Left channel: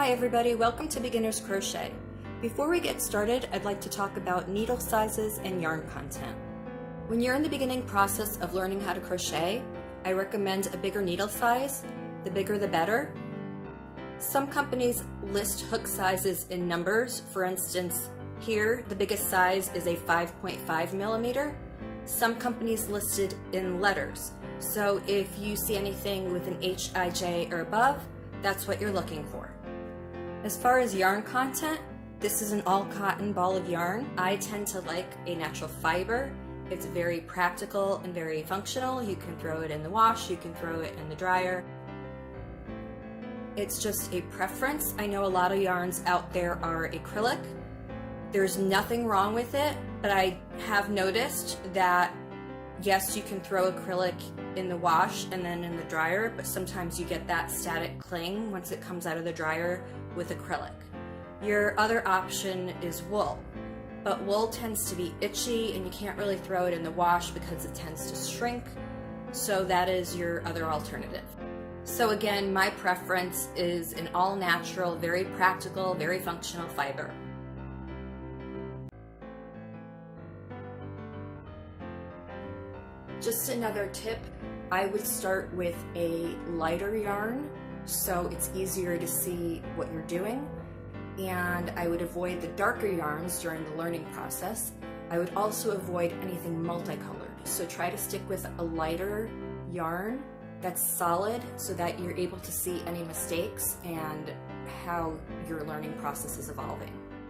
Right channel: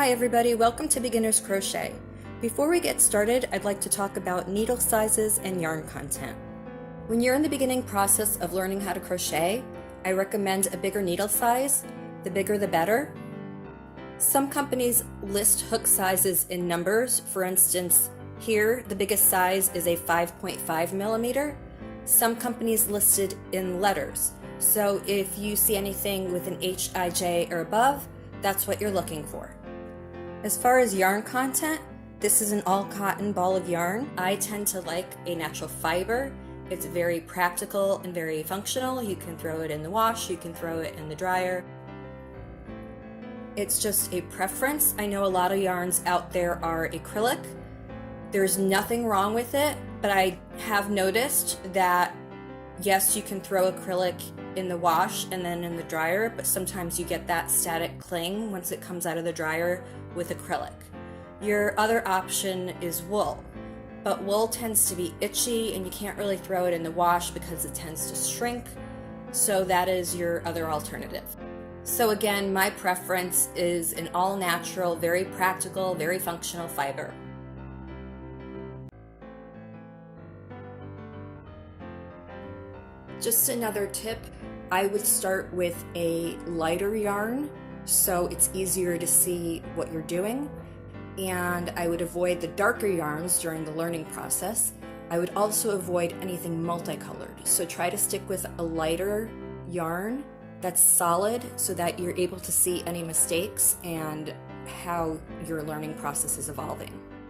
Hi everybody, welcome to Beginner's Crochet. Before we get started, I'd like to talk about needle sizes and yarn content. When you're in the beginning process of learning how to crochet, I recommend a bigger needle size. The bigger the better. Some companies list hook sizes in numbers. For instance, here the biggest size is a 5.5 millimeter. Some companies listed in letters. So if you see anything with an HIJ or above, that's what you're looking for. As far as yarn content, this is an all cotton ball of yarn. I tend to like a natural fiber. It's very practical and very functional. You can throw it in the wash, you can throw it in the dryer. It's just a preference. I know a lot of yarns out there are acrylic. There's nothing wrong with it, but I have noticed that yes, you can throw acrylic in the wash and then in the dryer, but sometimes you get that static cling once it comes out of the dryer with acrylic. Your other option is wool, but wool tends to be itchy and you can't really throw it in the wash because it tends to shrink, so that is your other alternative. So again, my preference is an all-natural, very practical, very functional fiber. Just another tip, I would start with a lighter yarn so it's easier to see what you're doing, and I would avoid the darker yarns during the learning process. I would also avoid anything multicolored, so try to stick with a lighter yarn that's solid so that you're able to see any mistakes and how your learning process is evolving.